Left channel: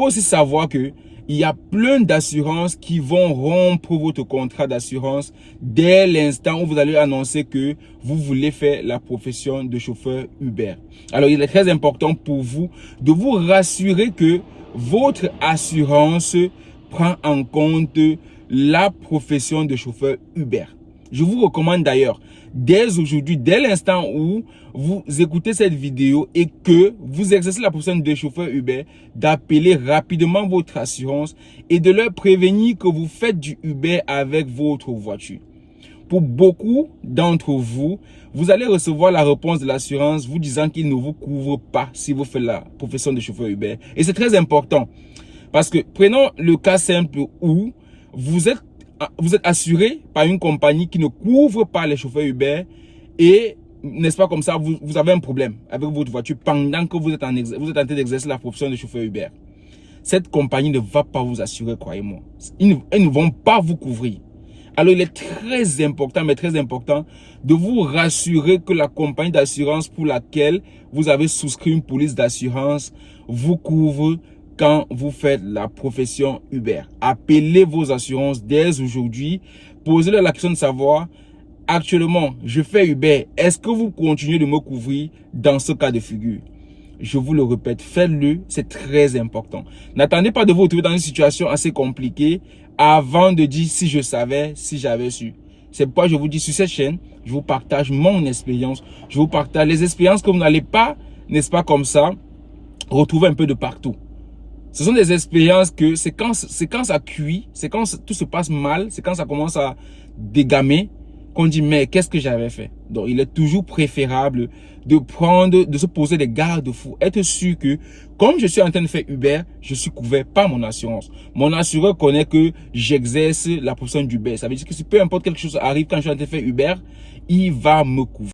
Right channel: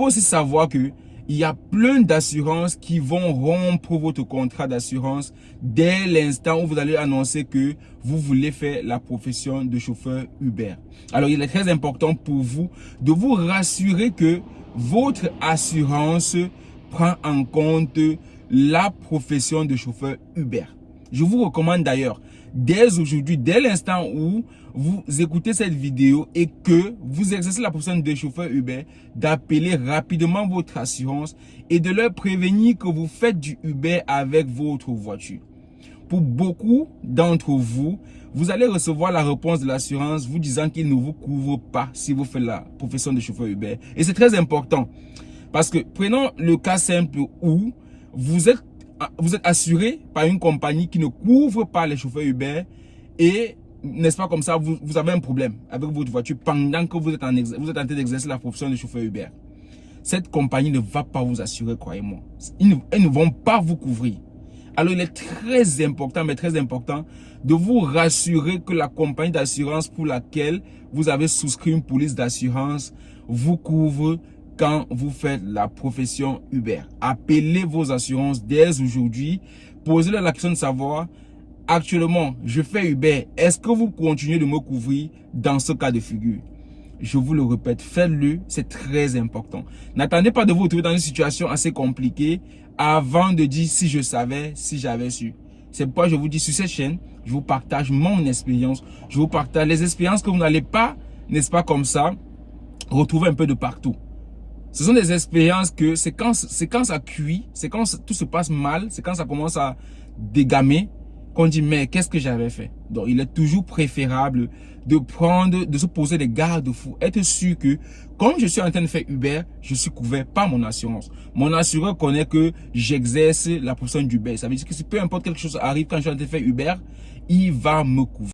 faut aussi savoir que il y a plein d'assurances qui vont rompre votre contrat d'assurance dès l'instant où vous allez annoncer que vous voulez faire la profession de chauffeur Uber. Alors, il est très important pour vous de vous rassurer que votre assurance prend en compte la profession de chauffeur Uber. Je vous recommande d'ailleurs, dès aujourd'hui, dès l'instant où vous écoutez cette vidéo et que vous exercez la profession de chauffeur Uber, d'appeler rapidement votre assurance et de leur prévenir que vous faites du Uber avec votre voiture. Pour beaucoup d'entre vous, vous allez recevoir la réponse de l'assurance vous disant qu'il ne vous couvre pas si vous faites la profession de chauffeur Uber. Et c'est très important parce que prenons le cas simple où vous êtes assuré par une compagnie qui ne couvre pas les chauffeurs Uber et n'est-ce pas comme ça, vous avez un problème avec votre voiture pendant que vous êtes en train d'exercer la profession de chauffeur Uber. Cette compagnie ne va pas vous assurer, croyez-moi. Ils ne vont pas vous couvrir. Alors, il est très important, mais très important, de vous rassurer que la compagnie d'assurance pour laquelle vous avez souscrit une police d'assurance vous couvre quand vous faites la profession Uber. Appelez vos assurances dès aujourd'hui. Posez-leur la question de savoir, actuellement, je fais Uber. Est-ce que vous continuez de me couvrir dans ce cas de figure? Je vous le répète, faites-le, c'est très important. N'attendez pas de vous retrouver dans une situation assez compliquée avant de dire si je savais, si j'avais su. C'est pourquoi je vous dis sur cette chaîne, je vous partage mon expérience. Je vous partage les expériences que vous n'allez pas, n'est-ce pas comme ça, retrouver un peu de partout. Ce sont des expériences que c'est quand ça cuit, c'est quand tout se passe mal, c'est quand ça commence à dégamer qu'on dit mais qu'est-ce que j'avais fait? Donc il est toujours préférable de se poser des garde-fous, être sûr que comme je suis en train de faire Uber, je suis couvert par mon assurance. Mon assureur connaît que j'exerce la profession d'Uber. Ça veut dire que si peu importe quelque chose arrive quand je suis en train de faire Uber, il va me couvrir.